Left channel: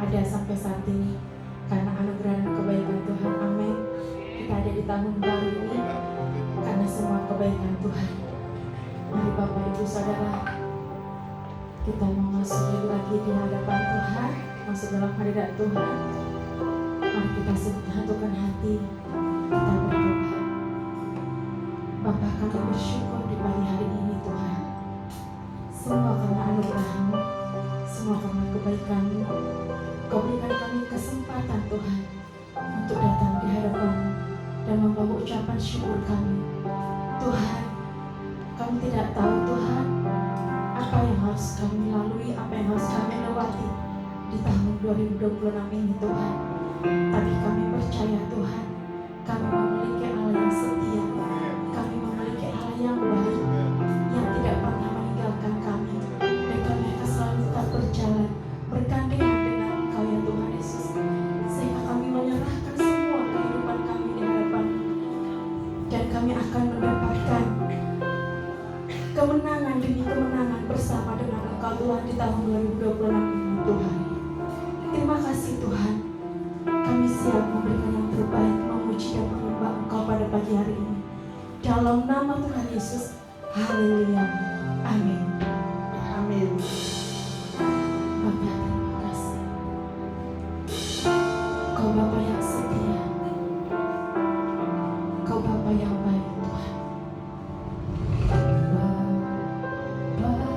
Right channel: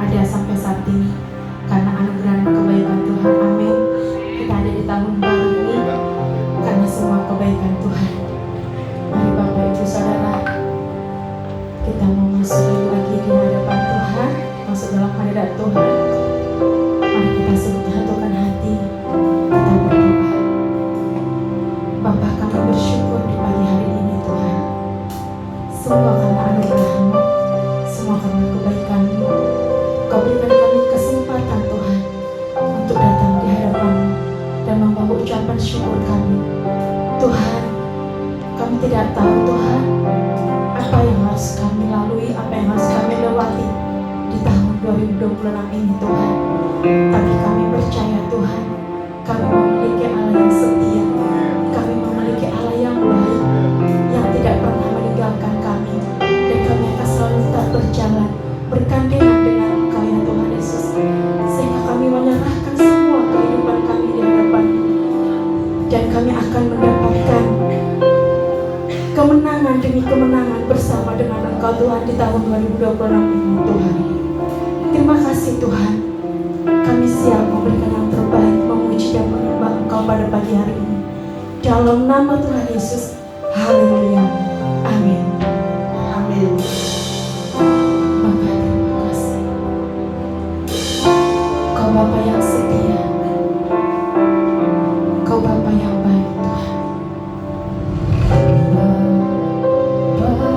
ada sampai saat ini karena anugerah dan kebaikan Tuhan. Amin. Kita ada di tahun baru ini karena semua kebaikan Tuhan. Mari Bapak Ibu Saudara, kita mau masuk lagi di hadapan Tuhan, masuk dalam hadirat Tuhan. Mari kita satukan hati, kita berdoa. Bapa, kami bersyukur di pagi hari ini Tuhan. Semua karena anugerah-Mu, semua karena kebaikan-Mu. Kau berikan kami kesempatan Tuhan untuk datang di hadapan-Mu dan membawa ucapan syukur kami. Tuhan, kami tidak tahu Tuhan apa yang harus kami lalui, apa yang harus kami lewati di tahun 2026 ini Tuhan. Tapi kami percaya Tuhan, kami memiliki Allah yang setia, kami memiliki Allah yang baik, yang tidak pernah meninggalkan kami, dan kami akan selalu tetap berjalan bergandengan dengan Engkau ya Tuhan Yesus, sehingga kami menyerahkan semua kehidupan kami di hadapan-Mu, dan kami akan mendapatkan kemenangan demi kemenangan bersama dengan Engkau Tuhan di tahun 2026 ini Tuhan. Terima kasih Tuhan, kami siap memberikan yang terbaik, memuji dan menyembah Engkau pada pagi hari ini. Dalam nama Tuhan Yesus, haleluya, amin. Amin. Bapa, terima kasih. Kau Bapa yang setia, Kau Bapa yang baik Tuhan. Bapa,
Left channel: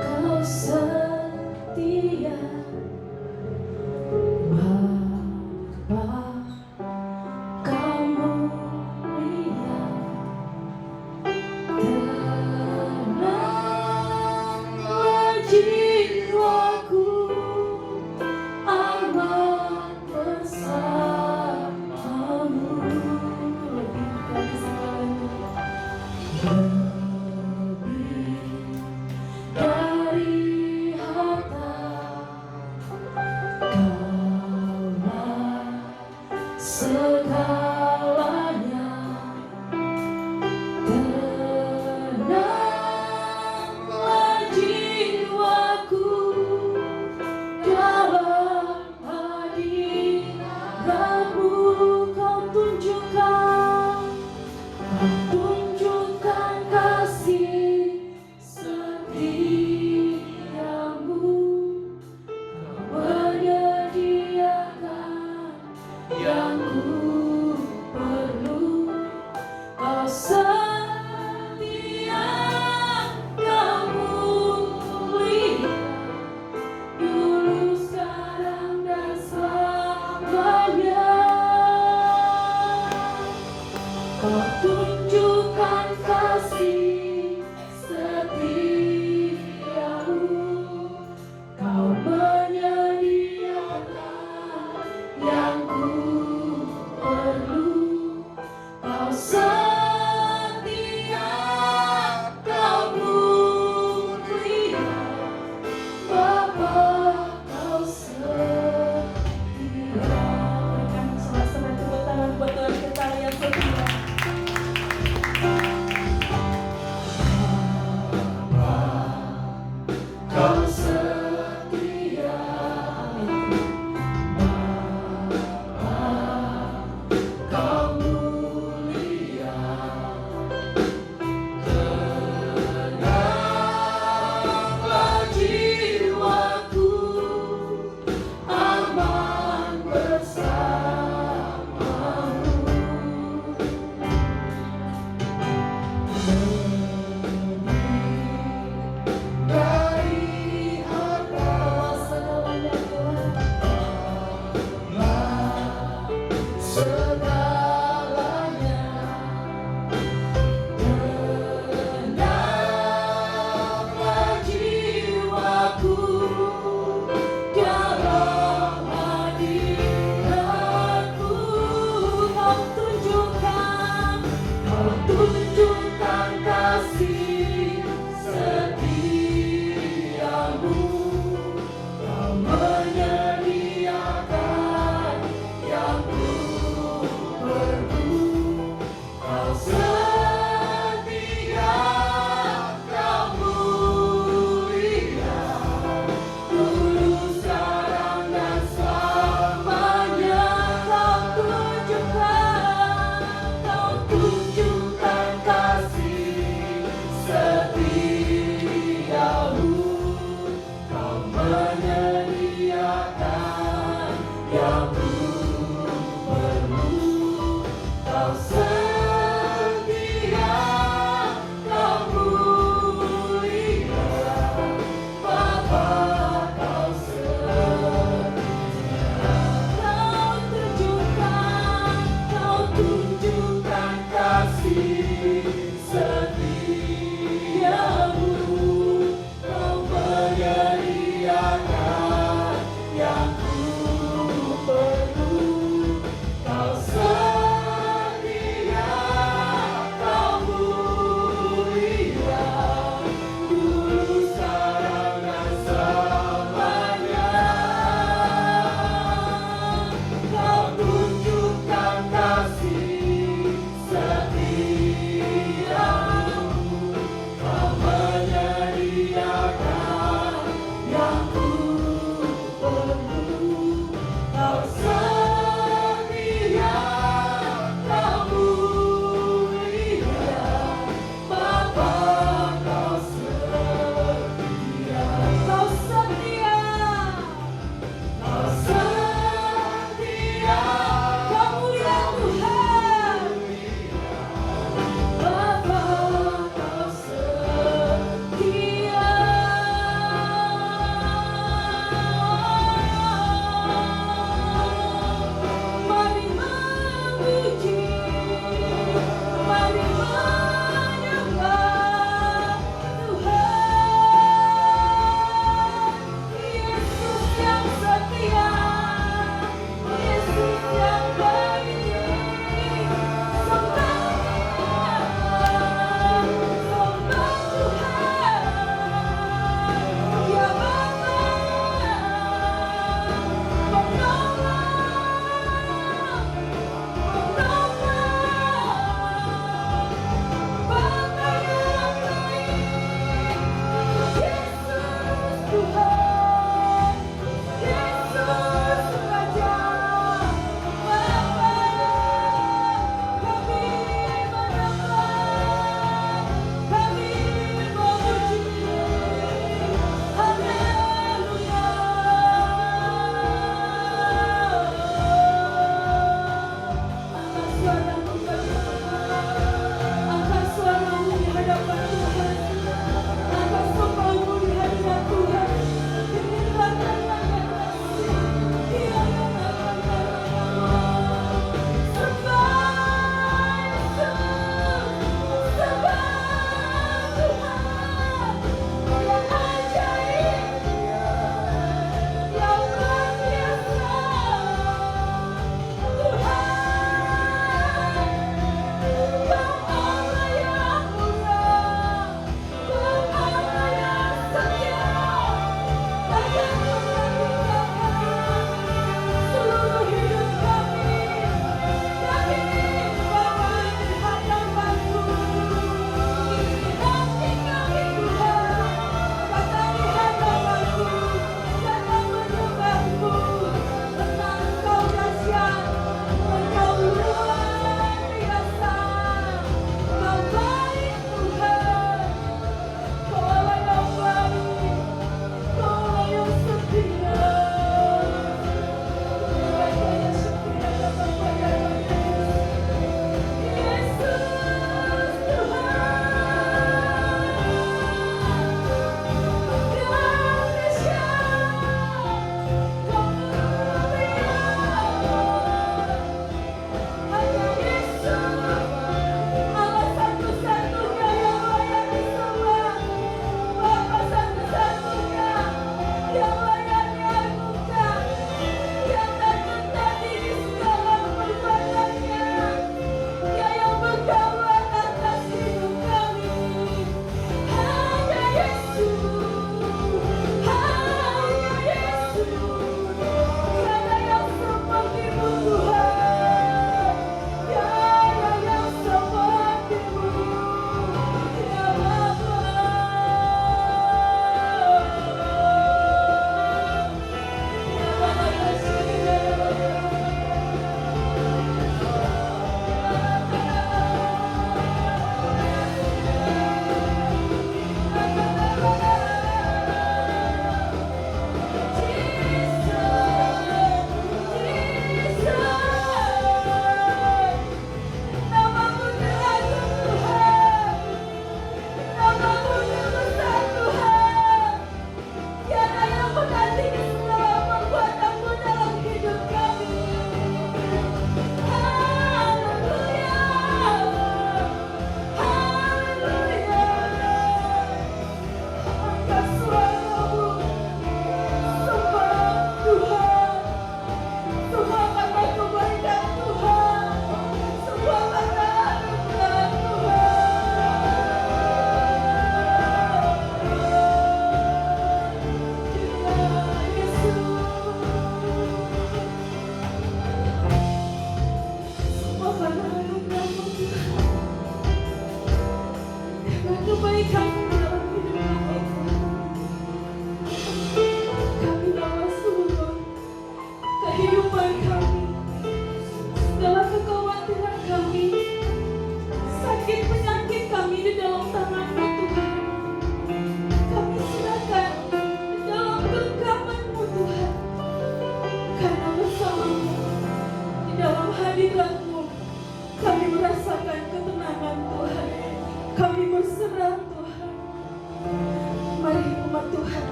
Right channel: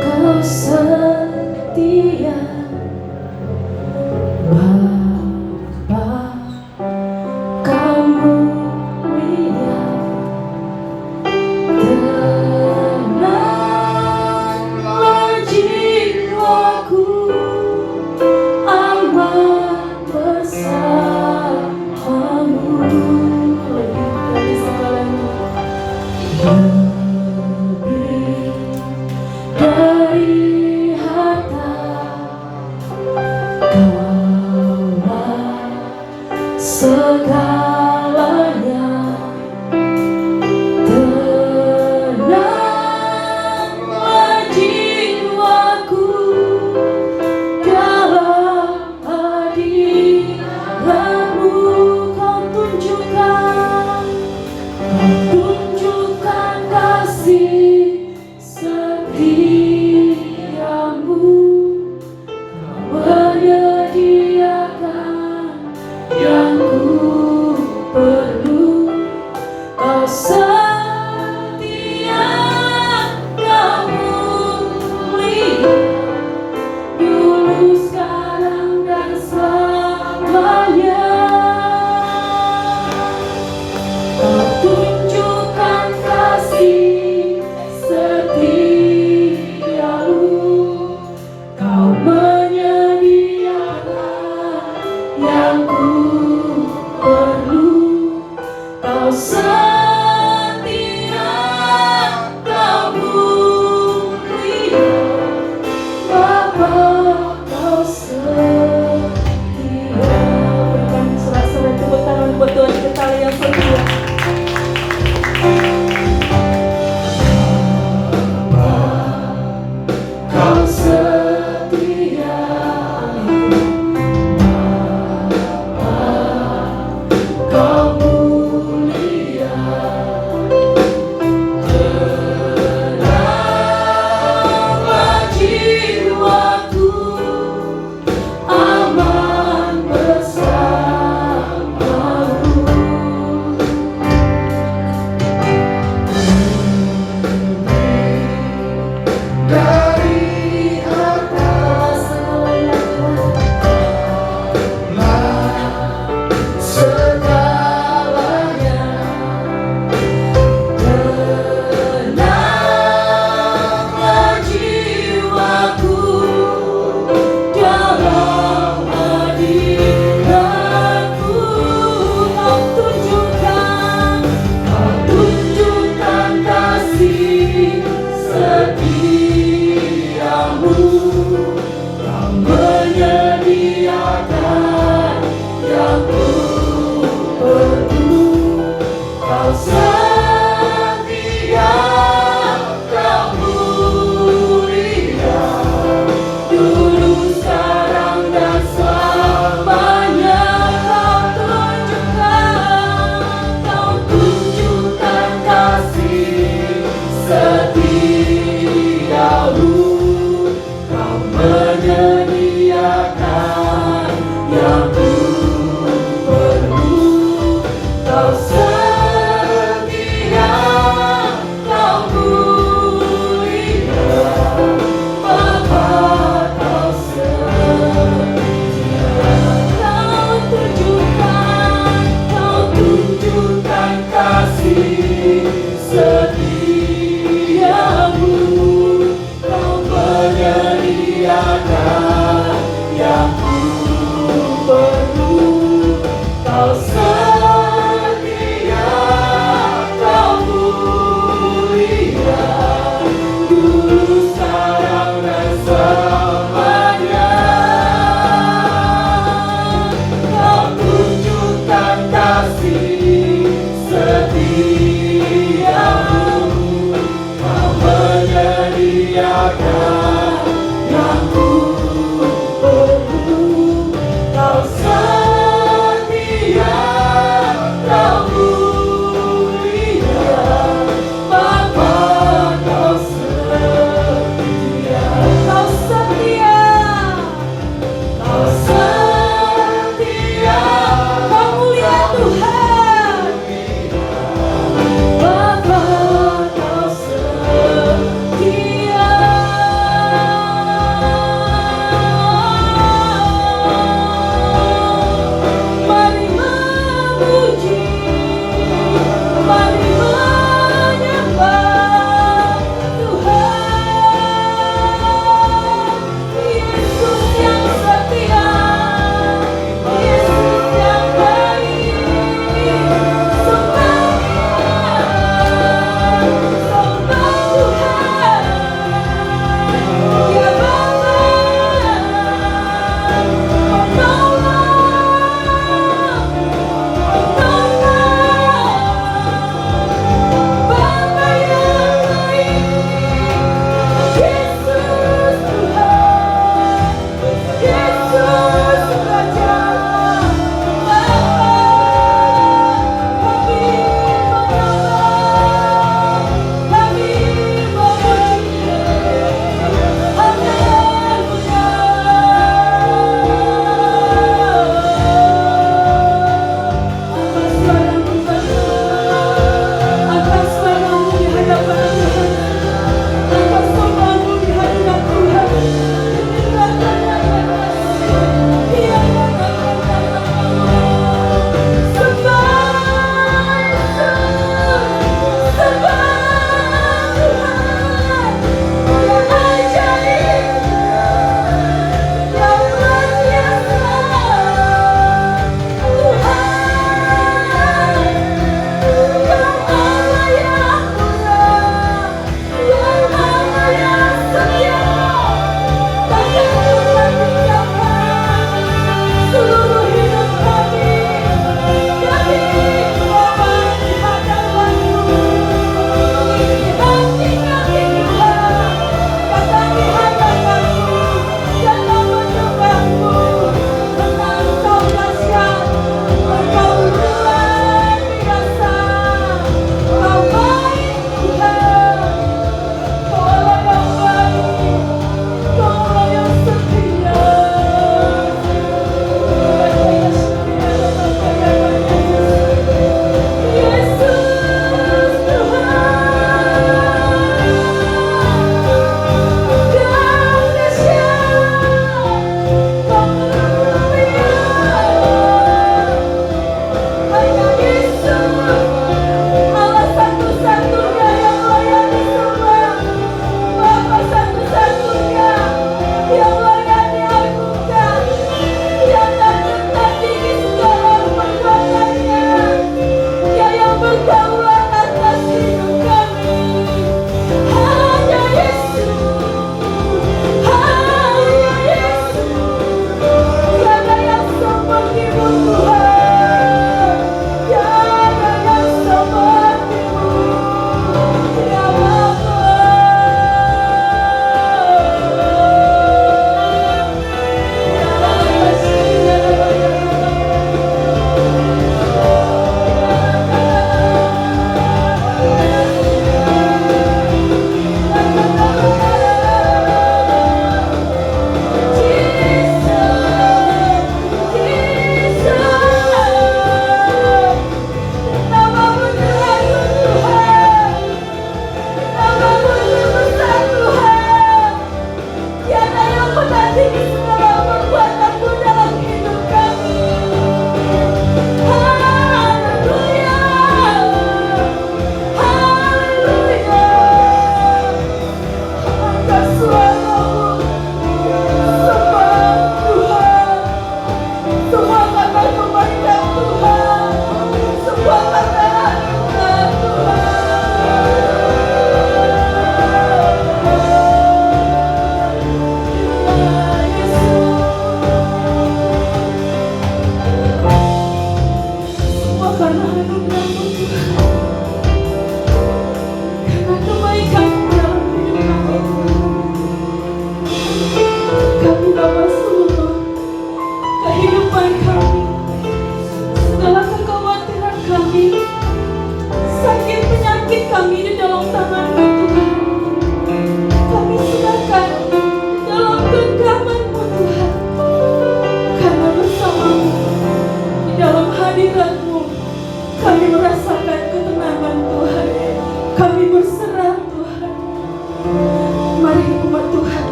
Kau setia. Bapa, Kau mulia.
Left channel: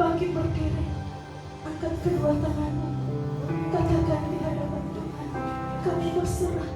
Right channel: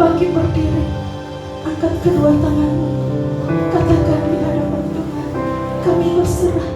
Bangkit berdiri, angkat kedua tanganmu, katakan di hadapan Tuhan, kami berserah.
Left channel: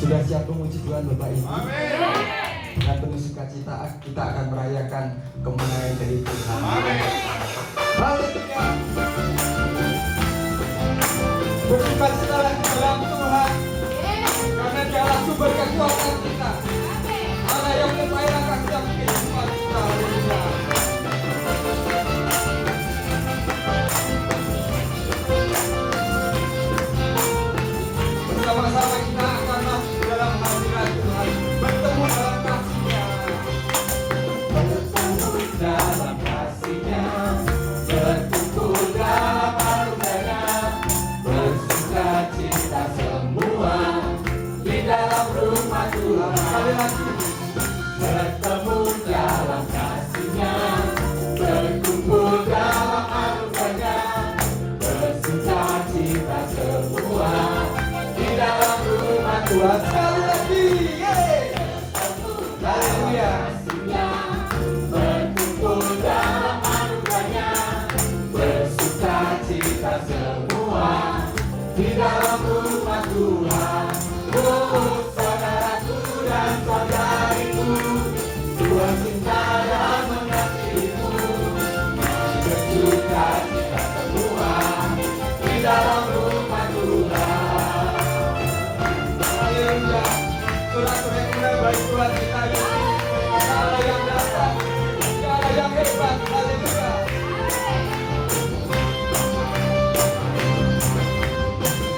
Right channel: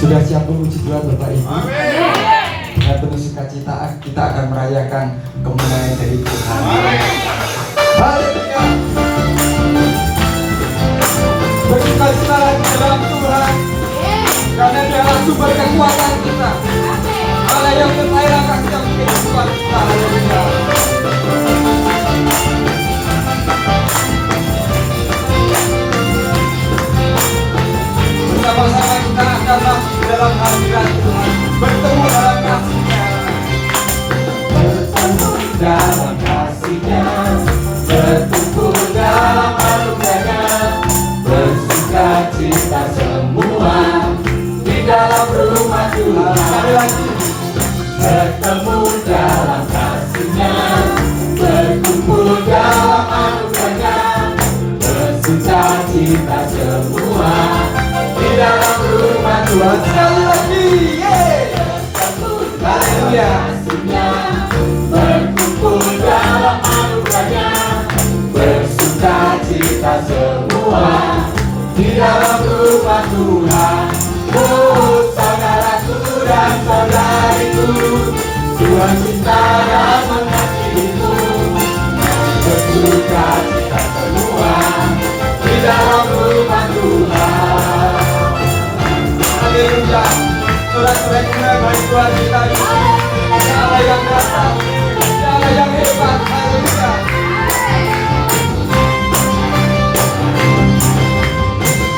Sudah siap memuji Tuhan Bapak Ibu? Dengan penuh sukacita kita akan merayakan kemenangan dari Tuhan. Haleluya. Bersuka-cita di dalam Tuhan, karena Dialah sumber kekuatan kita. Allah yang mengairkan setiap kehidupan kita. Haleluya. kita semua di dalam rumah Tuhan. Sekali lagi, haleluya. Berkumpul dalam anugerahnya, bersuka cita semua di dalam rumah Tuhan. Oh saudaraku dan saudariku, Tuhan cinta dan mengasihimu. Bersuka cita semua di dalam rumah Tuhan. Haleluya. Sorak-sorai kemuliaan bagi Tuhan kita di sini. Allah yang datang, Allah yang hebat. Haleluya.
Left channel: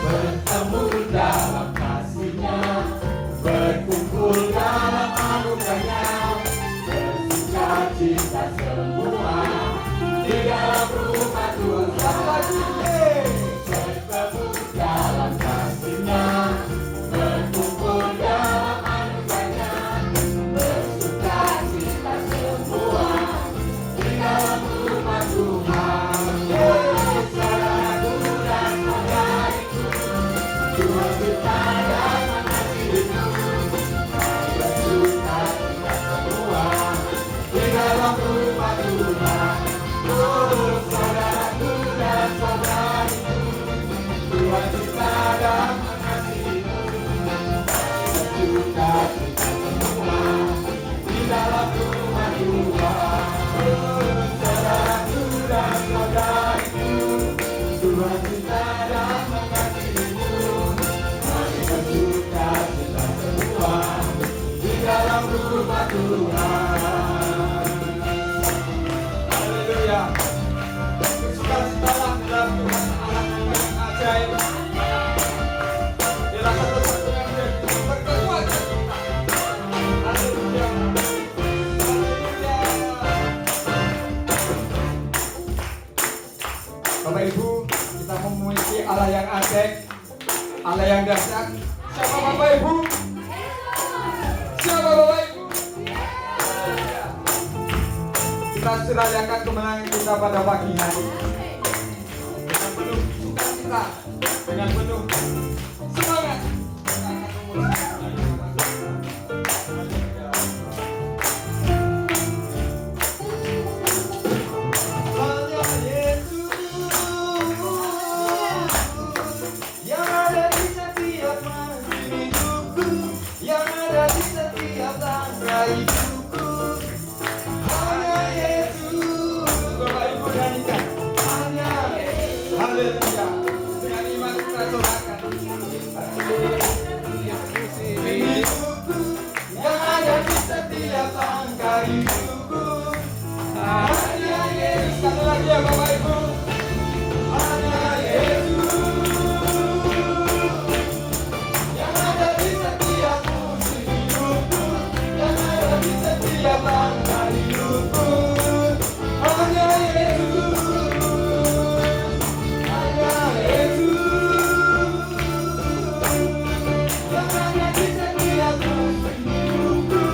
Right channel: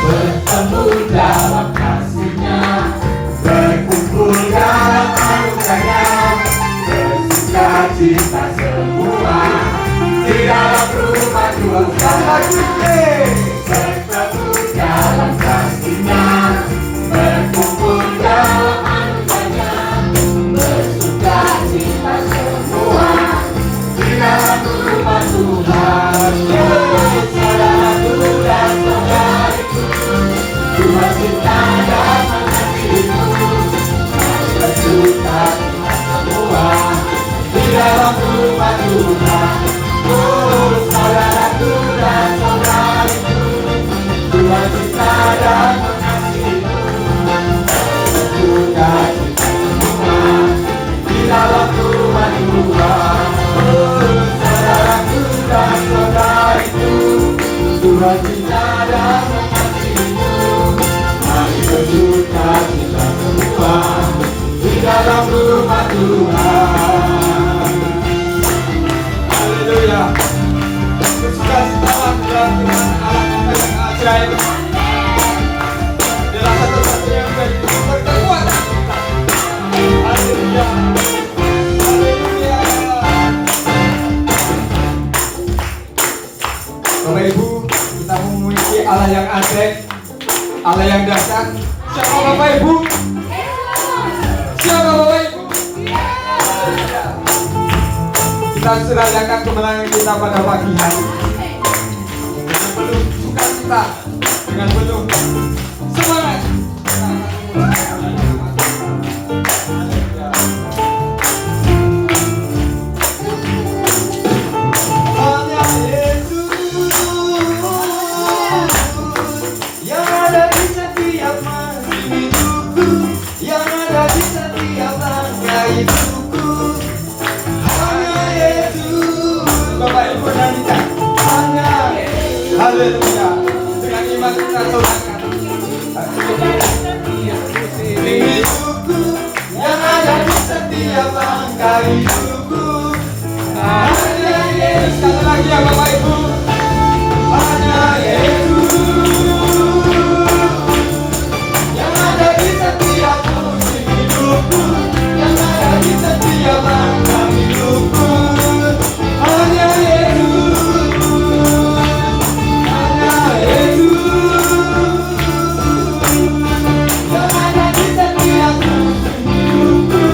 Bertemu dalam kasih-Nya, berkumpul dalam anugerahnya, bersuka cita semua di dalam rumah Tuhan. Bertemu dalam kasih-Nya, berkumpul dalam anugerahnya, bersuka cita semua di dalam rumah Tuhan. Saudaraku dan saudariku, Tuhan cinta dan mengasihimu. Bersuka cita semua di dalam rumah Tuhan. Oh saudaraku dan saudariku, Tuhan cinta dan mengasihimu. Bersuka cita semua di dalam rumah Tuhan. Oh saudaraku dan saudariku, Tuhan cinta dan mengasihimu. Mari bersuka cita semua di dalam rumah Tuhan. Haleluya. Bersuka-citalah dalam firman Allah yang ajaib. Dialah satu-satunya yang menjadi sumber kekuatan kita. Haleluya. Haleluya. Bapak Ibu, kita memiliki Allah yang ajaib, Allah yang dahsyat. Siapa Bapak Ibu? Siapa Bapak Ibu? Haleluya. Kita serahkan kemenangan kita pada pagi hari dengan penuh sukacita, dengan penuh semangat. Hanya Yesus yang ada di setiap masa hidupku, yang ada di setiap langkah hidupku. Hanya Yesus. Bapak Ibu nyanyikan. Hanya Yesus. Haleluya. Dengan iman kita sorakan. Hidupku yang ada di setiap langkah hidupku. Hanya Yesus. Sekali lagi ya Bapak Ibu. Hanya Yesus yang ada di setiap musim hidupku, yang ada di setiap langkah hidupku. Hanya Yesus, hanya Yesus yang ada di setiap musim hidupku,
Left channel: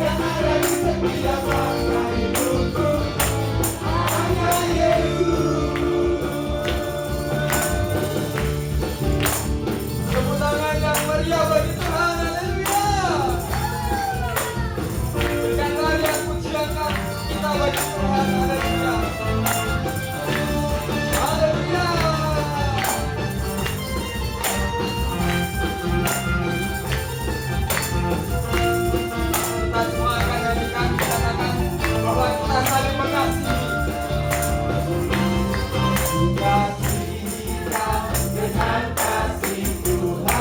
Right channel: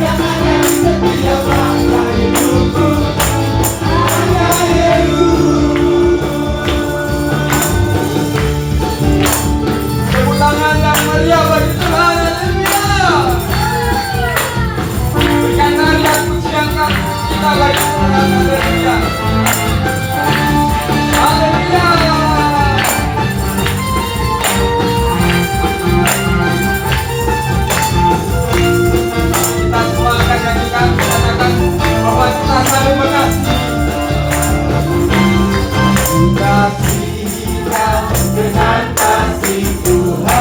yang ada di setiap langkah hidupku. Hanya Yesus. Tepuk tangan yang meriah bagi Tuhan. Haleluya. Berikan tarian pujian kita bagi Tuhan. Haleluya. Haleluya. Kita semua akan nyanyikan, katakan bahwa kita saling mengasihi. Kasih kau dengan kasih Tuhan.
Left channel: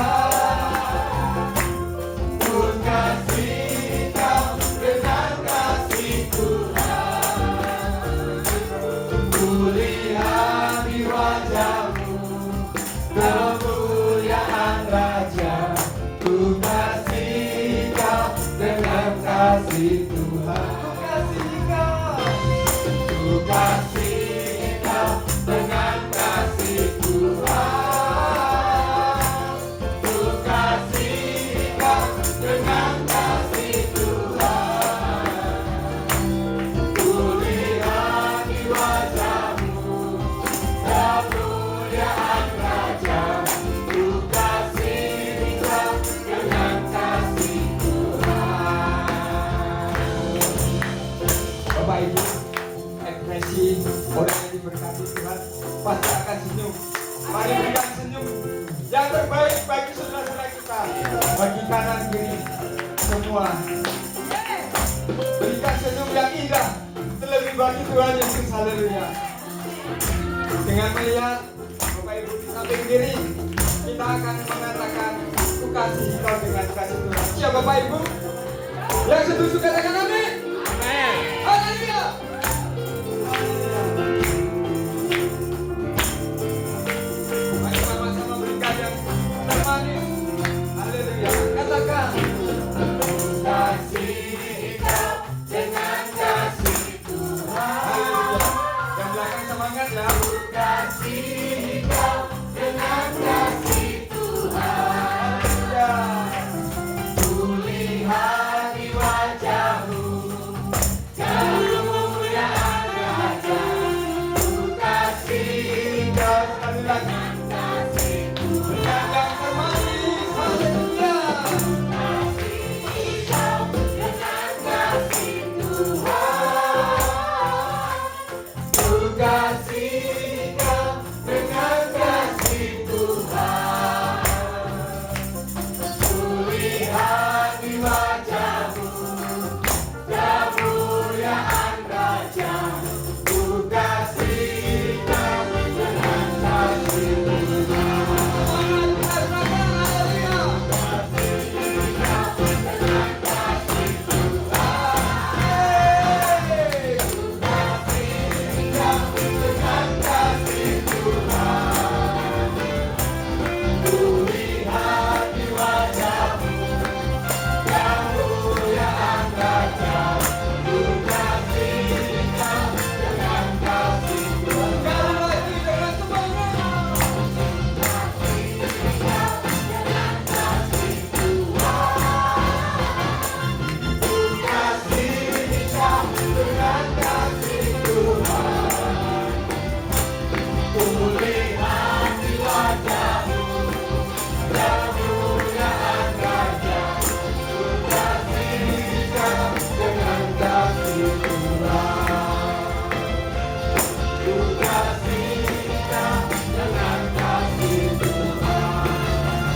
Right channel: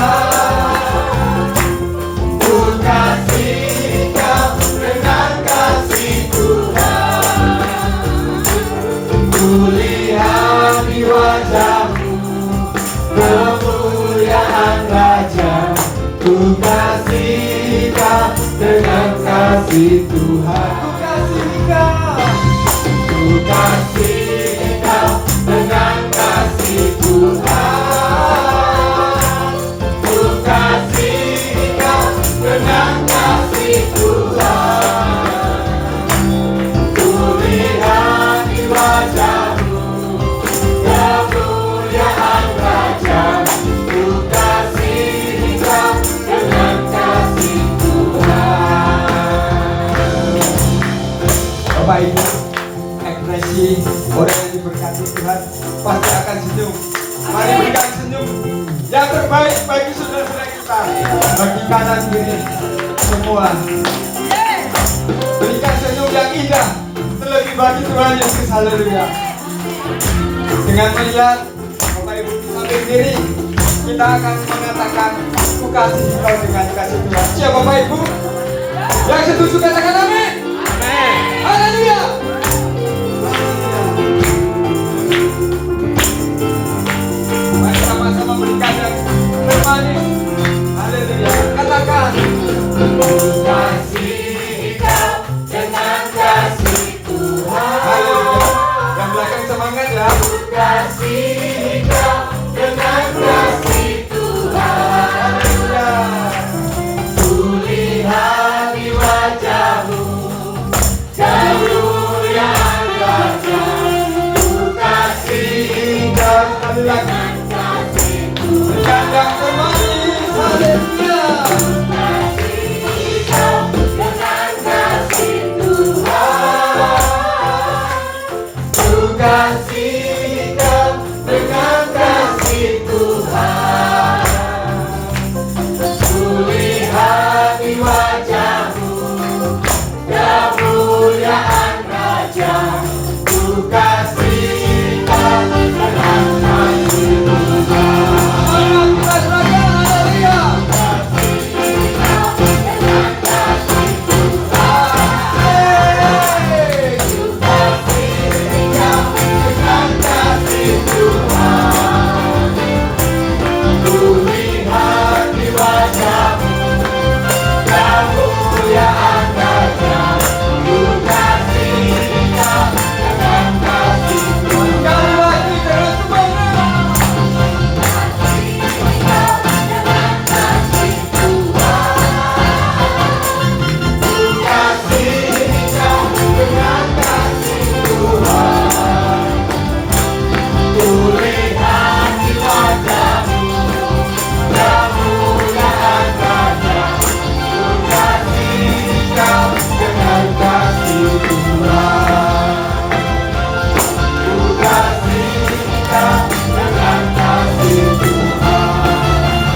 Ku kasih kau dengan kasih Tuhan. Ku lihat di wajahmu kemuliaan Raja. Ku kasih kau dengan kasih Tuhan. Ku kasih kau dengan kasih Tuhan. Ku kasih kau dengan kasih Tuhan. Ku lihat di wajahmu kemuliaan Raja. terbaik bagi saudara-saudara kita, bagi kanan kiri semua. Berikan senyum yang indah, terlebih bagi Tuhan Yesus. Haleluya. Dengan melihat Bapak Ibu sambil diri, kita akan mengatakan aku kasih kau dengan kasih Tuhan. Siap Bapak Ibu? Yang setuju katakan amin. Amin. Haleluya. Mari sama-sama berikan yang termanis. Haleluya. Katakan kasih kau dengan kasih Tuhan. Haleluya. Yang belakang semangat ya. Kasih kau dengan kasih Tuhan. Haleluya. Kulihat di wajahmu kemuliaan Raja. Ku kasih kau dengan kasih Tuhan. Yang termanis. Haleluya. Kasih kau dengan kasih Tuhan. Ku kasih kau dengan kasih Tuhan. Kulihat di wajahmu kemuliaan Raja. Ku kasih kau dengan kasih Tuhan. Semangat kita serahkan. Haleluya. Kasih kau dengan kasih Tuhan. Hey. Ku kasih kau dengan kasih Tuhan. Kulihat di wajahmu kemuliaan Raja. Ku kasih kau dengan kasih Tuhan. Sekali lagi dengan semangat. Kasih kau dengan kasih Tuhan. Kulihat di wajahmu kemuliaan Raja. Ku kasih kau dengan kasih Tuhan. Ku kasih kau dengan kasih Tuhan.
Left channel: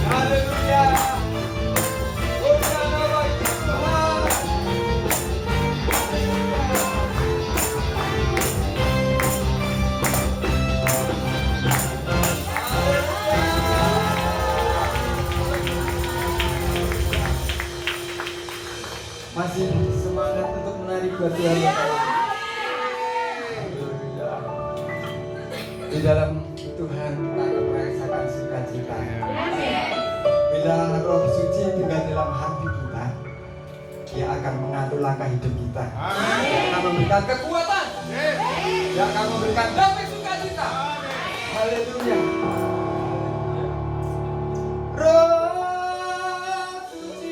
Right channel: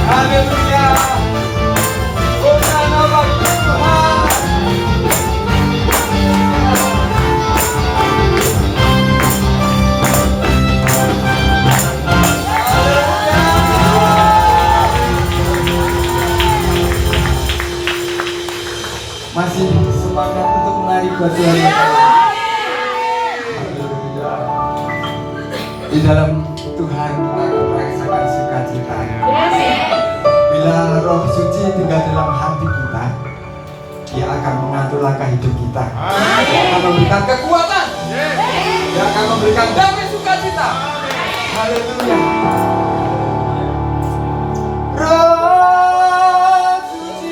Haleluya. Hosana bagi Tuhan. Masih semangat untuk menari buat Tuhan. Haleluya. Di dalam Tuhan kita akan merasakan sukacita. Bila Roh Suci tinggal dalam hati kita, Dia akan mengatur langkah hidup kita. Dia akan memberikan kekuatan. Dia akan memberikan damai sukacita. Haleluya. Roh Suci.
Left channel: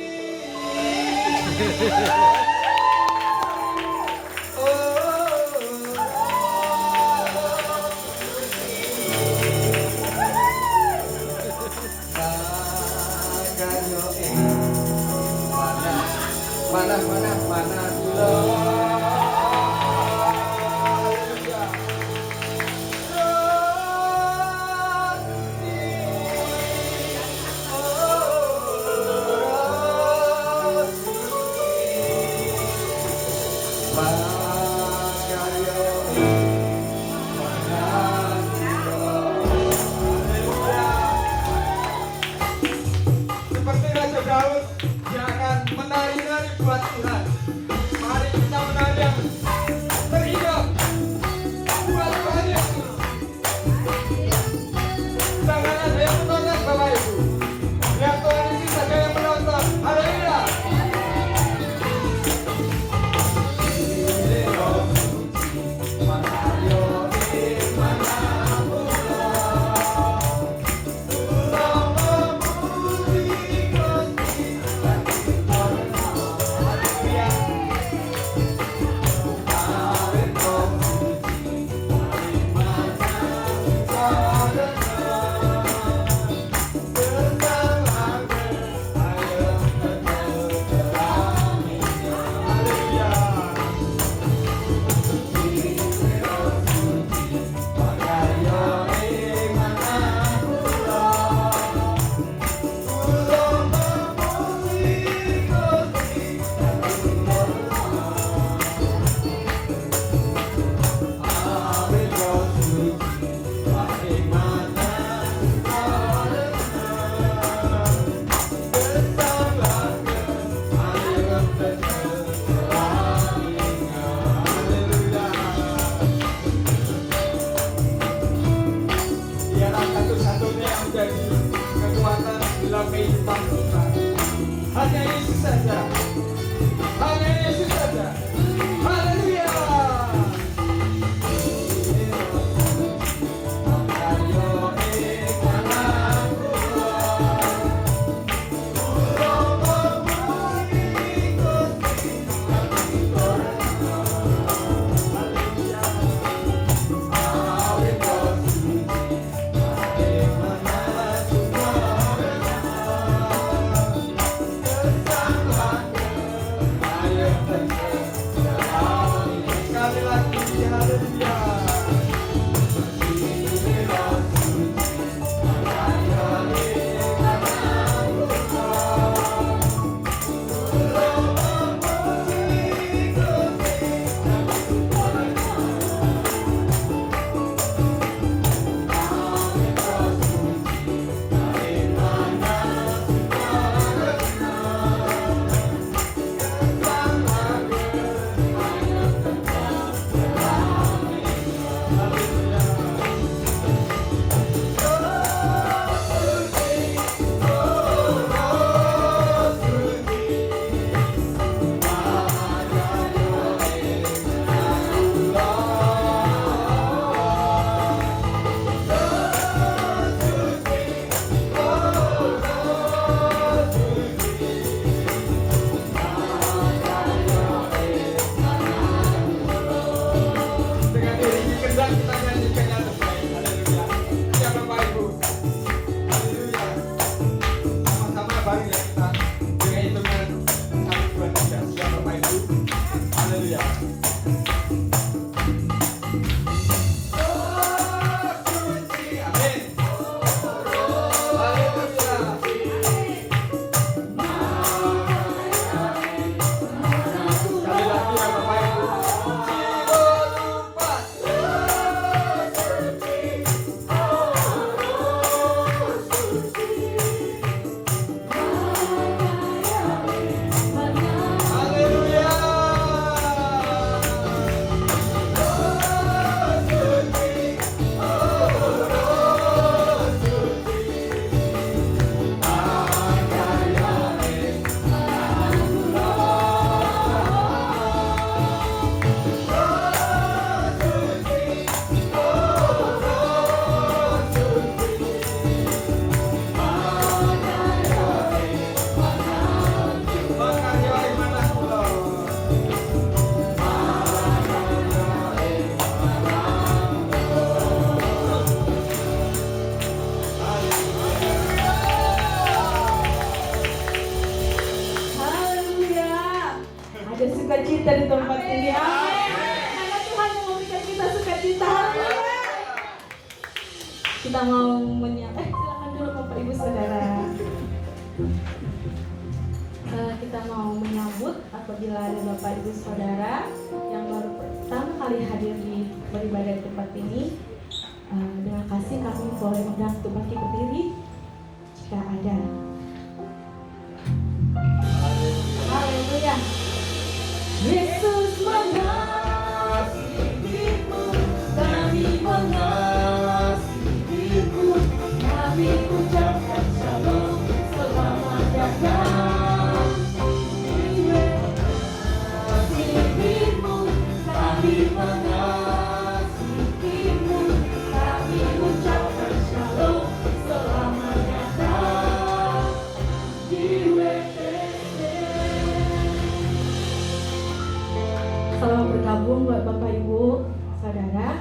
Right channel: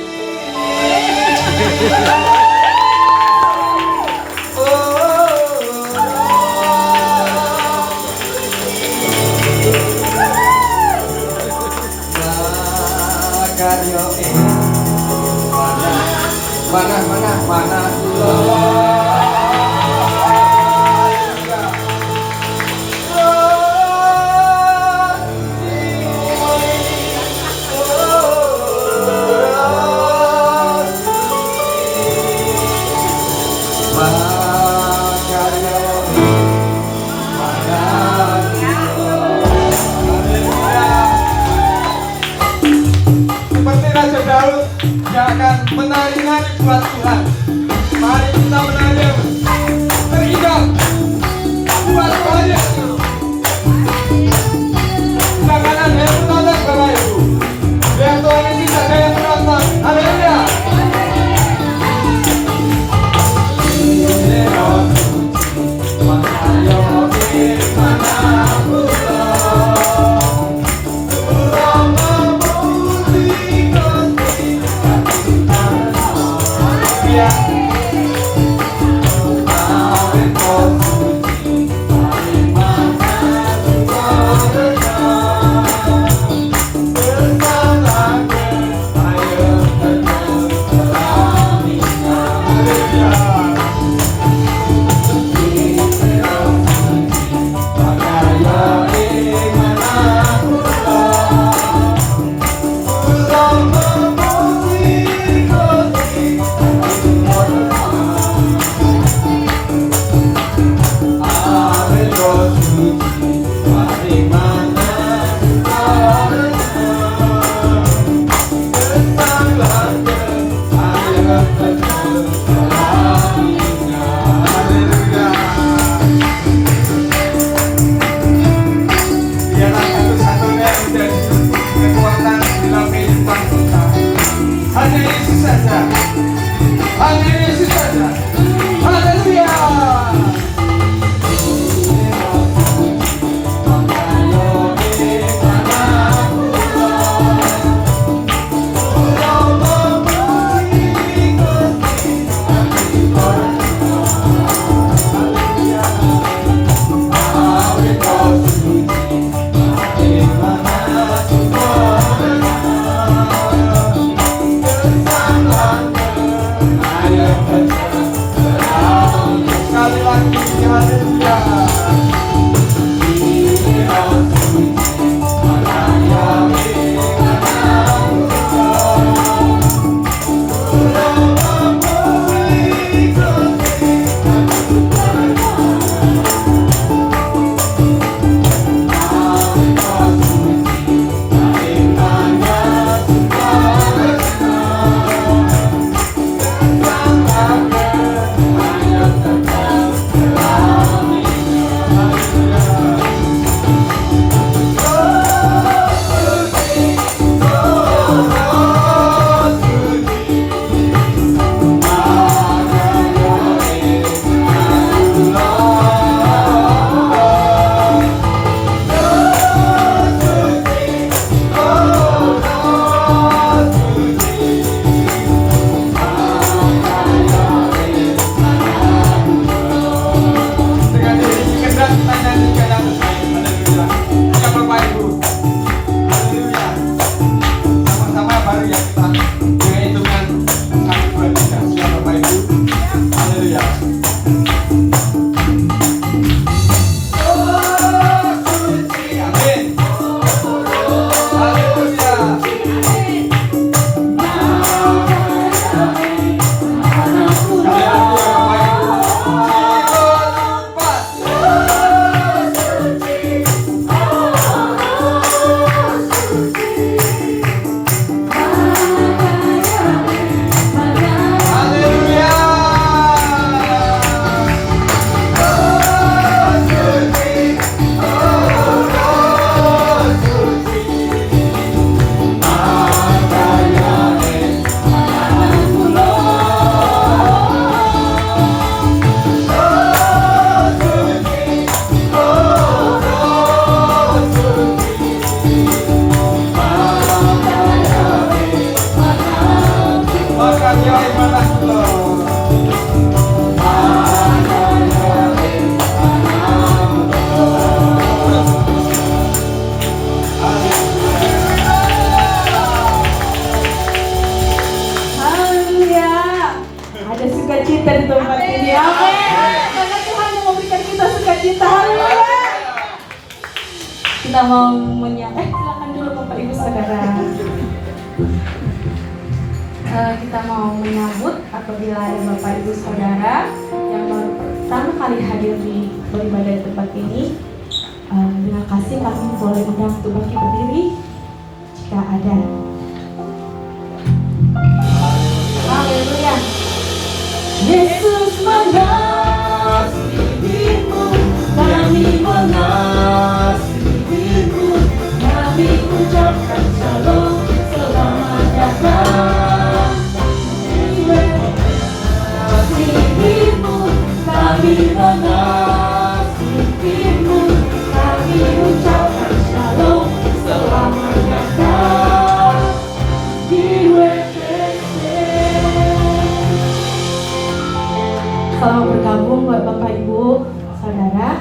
Mana seperti Raja Daud yang akan menari-nari buat Tuhan. Mari kita menari yang terindah buat Tuhan Yesus. Jangan ada yang menantang Bapak Ibu. Biar Tuhan Yesus ada yang menantang. Haleluya. saja. Hanya Yesus saja. Haleluya. Sekali lagi, haleluya. Kita mau silakan dulu Bapak Ibu Saudara. Kita mau menyambut apabila ada Bapak Ibu Saudara yang baru pertama kali hadir di beribadah di tempat ini. Dengan kasih kami boleh undang untuk bangkit berdiri jika ada. Haleluya. Yesus mengasihimu, kami mengasihimu, kami ucapkan shalom, selamat datang. Mengasihimu, kami mengasihimu, kami ucapkan shalom, selamat datang di WPC. Selamat bergabung buat Bapak Ibu Saudara.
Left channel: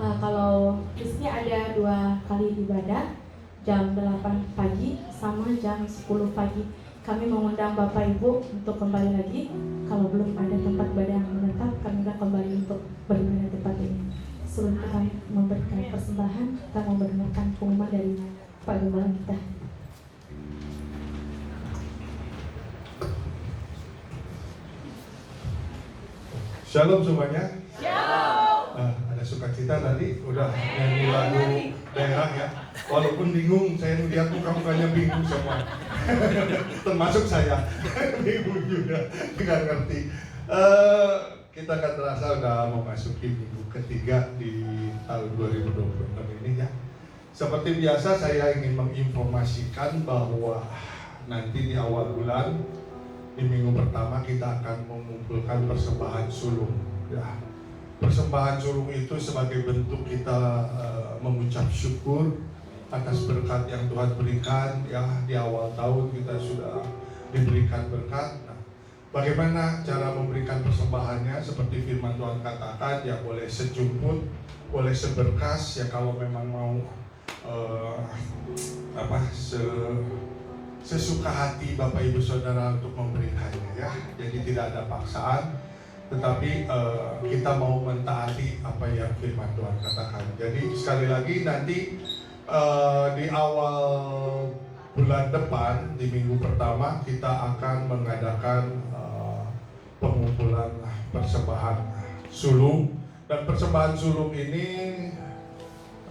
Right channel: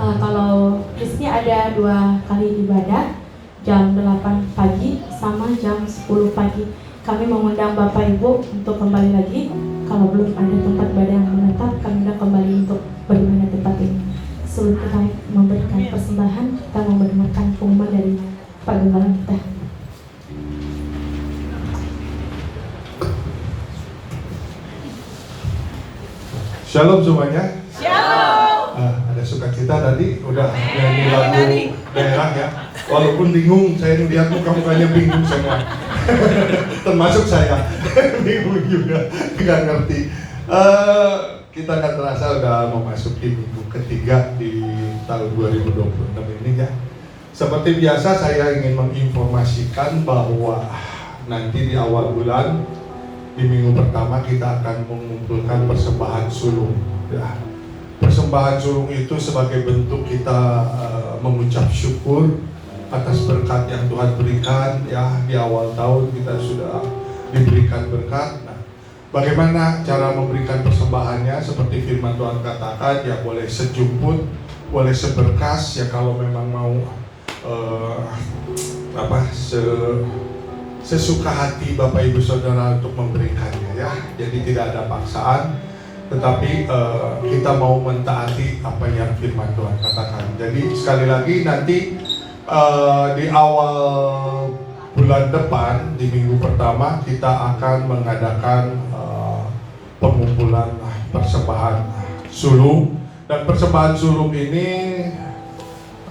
Kalau Kristi ada 2 kali ibadah, jam 8 pagi sama jam 10 pagi. Kami mengundang Bapak Ibu untuk kembali lagi. Kalau belum ada tempat ibadah yang menetap, kami akan kembali untuk beribadah di tempat ini. Sebelum kita memberikan persembahan, kita memberikan pengumuman dari Pak Gembala kita. Shalom semuanya. Shalom. Ada sukacita tadi udah nyanyi lagu daerah ya. Walaupun bingung, saya melihat muka-mukanya bingung semua. Termasuk saya bingung juga, nggak ngerti. Kita kan terasa udah memasuki minggu ketiga di tahun 2026 ini ya. Seperti biasa saya ingin menginformasikan bahwa nanti di awal bulan di minggu pertama kita akan mengumpulkan persembahan sulung. Ya. Persembahan sulung itu sebagai bentuk kita mengucap syukur atas berkat yang Tuhan berikan. Ya, di awal tahun kita sudah diberikan berkat. Nah, bagaimana cara memberikan persembahannya? Seperti firman Tuhan katakan, ya boleh sejumput, boleh seberkas. Ya kalau memang mau sesuka hati Bapak Ibu Saudara untuk memberikannya, ya. Jadi tidak ada paksaan, tetapi kita mau mentaati apa yang firman Tuhan katakan. Jadi sekali lagi nanti di awal bulan depan, di minggu pertama kita akan mengadakan pengumpulan persembahan sulung, dan persembahan sulung ini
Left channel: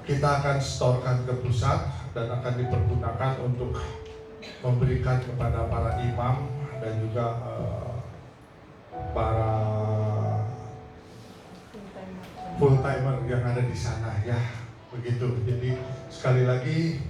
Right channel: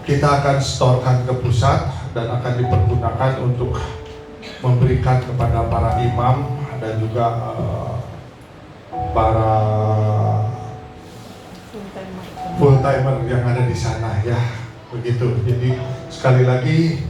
kita akan setorkan ke pusat dan akan dipergunakan untuk memberikan kepada para imam dan juga para full timer yang ada di sana, ya begitu. Jadi sekali lagi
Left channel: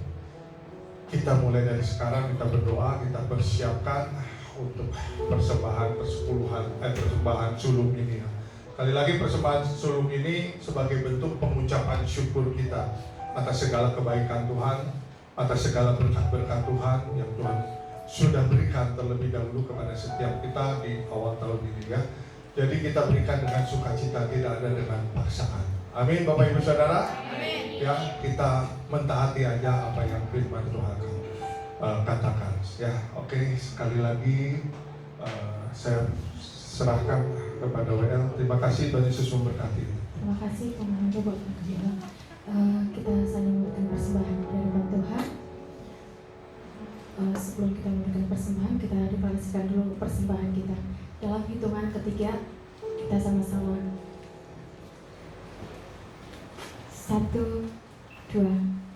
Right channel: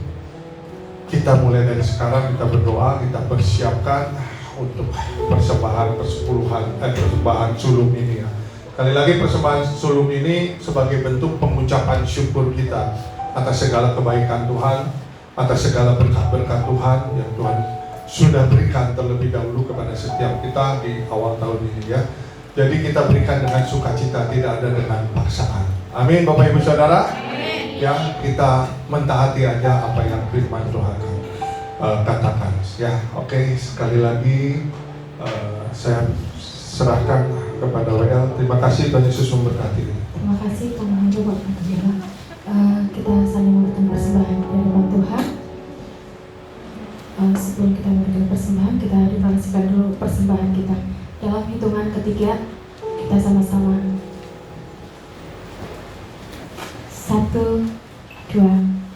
kita mulai dari sekarang, kita berdoa, kita persiapkan untuk persembahan persembahan sulung ini, ya. Sekali lagi persembahan sulung ini sebagai bentuk pengucapan syukur kita atas segala kebaikan Tuhan, atas segala berkat-berkat Tuhan yang Tuhan sudah berikan terlebih dahulu kepada setiap kita di awal tahun ini, ya. Jadi kita berikan dengan sukacita, tidak ada dengan paksaan. Amin, Bapak Ibu Saudara. Amin. Ya, kita mentaati aja apa yang firman Tuhan katakan. Ya, oke. Sekali lagi saya serahkan kepada WL. Terima kasih, Tuhan Yesus memberkati. Terima kasih Tuhan Bapak Gembala. Kita saling memberikan persembahan dari rumah Tuhan. Sebelum kita memberikan persembahan, kita deklarasikan dulu persembahan kita. Dalam hitungan ketiga, kita sama-sama 1, 2,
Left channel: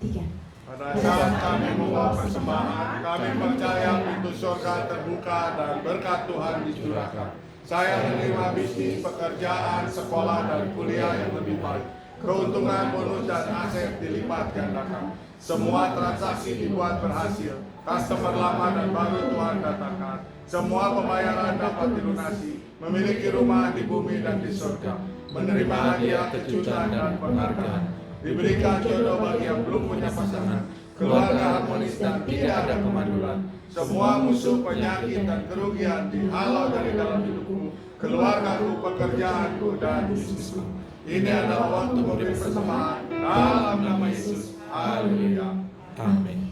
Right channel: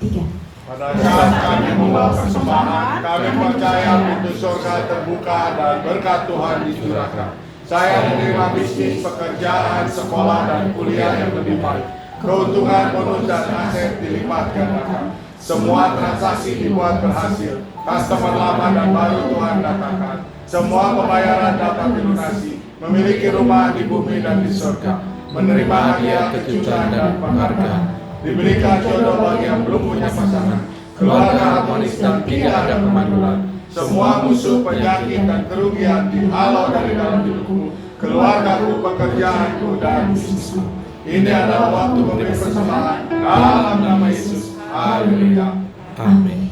3. Pada saat kami membawa persembahan, kami percaya pintu surga terbuka dan berkat Tuhan dicurahkan. Saya menerima bisnis, pekerjaan, sekolah, dan kuliah yang lebih baik. Keuntungan, bonus, dan aset dilipat gandakan. Semua transaksi dibuat berhasil. Customer lama dan baru Tuhan datangkan. Semua pembayaran dapat dilunasi. Memiliki rumah di bumi dan di surga. Menerima hadiah, kejutan, dan penghargaan. Diberikan jodoh bagi yang belum punya pasangan. Keluarga harmonis dan tidak ada kemandulan. Semua musuh, penyakit, dan kerugian dihalau dari dalam hidupmu. Keluargaku, pekerjaanku, dan bisnisku. Ini adalah waktu memberi persembahan dalam nama Yesus. Haleluya. Amin.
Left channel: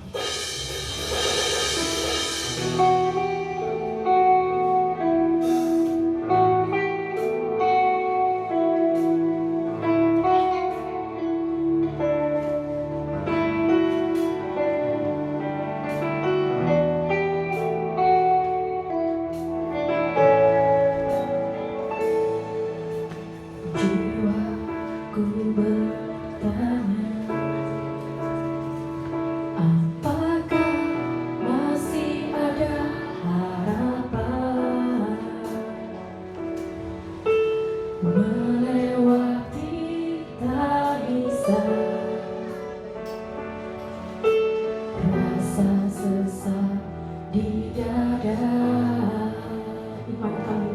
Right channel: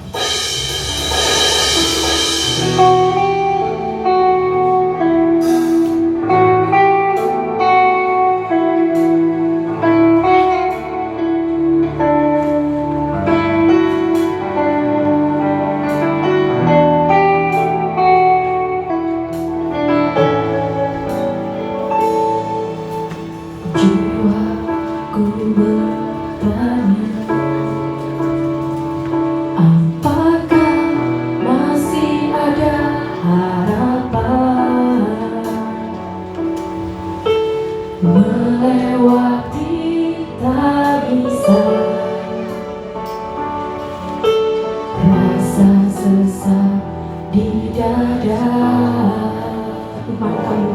Jiwaku bertanya, apakah masih ada harapan melewati tak bisa, rasa sesak di dada. Iman kami